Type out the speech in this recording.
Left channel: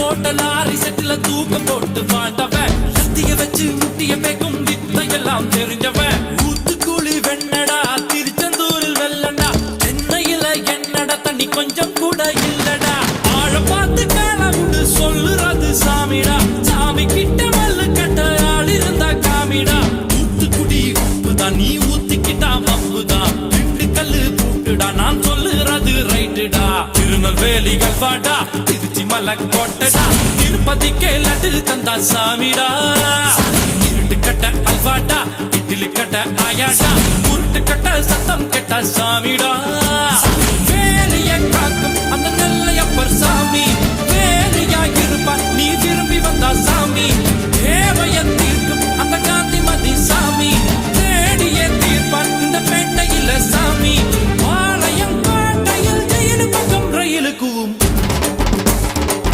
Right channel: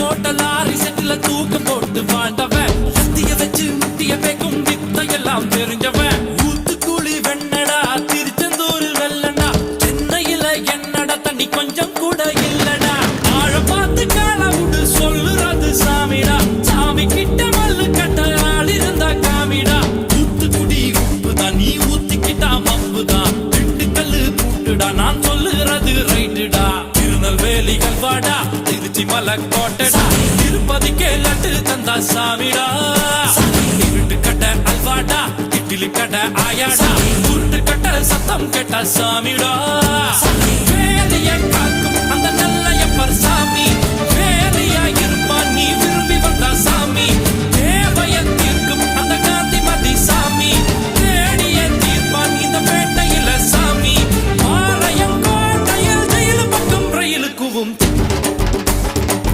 போட்ட லாரி செட்டுல தூக்கம் போட்டு வாழ்ந்தவன் சத்திய வச்சு முட்டிய பேக்கும் வித்தையெல்லாம் தெரிஞ்சவன் ஊத்துக்குழி வெண்ணடா திருச்செந்தூரில் வெள்ளடா சென்னையில என்னடா தண்ணி கொஞ்சம் கூட இல்லடா ஆழ பார்த்து காலவுடு சொல்லுறது சாமிடா சாமி கிட்ட மல்லு கட்ட ஆள் இருந்தா காமிடா ஊத்துக்குடி உப்புதான் நீ ஊத்திக்கிட்டா மப்புதான் ரெண்டு கல்லு பூட்டுடா நான் சொல்லுறது ரைட்டுடா திருநெல்வேலி கல்வாடா திருச்சி மலை கோட்டடா திருப்பதிக்கே லட்டு தந்தா சாமிடா இருட்டு கட்ட அல்வாடா இட்லி கட்ட ஆயாடா உருட்டு கட்ட சத்தம் கேட்டா சாமிடா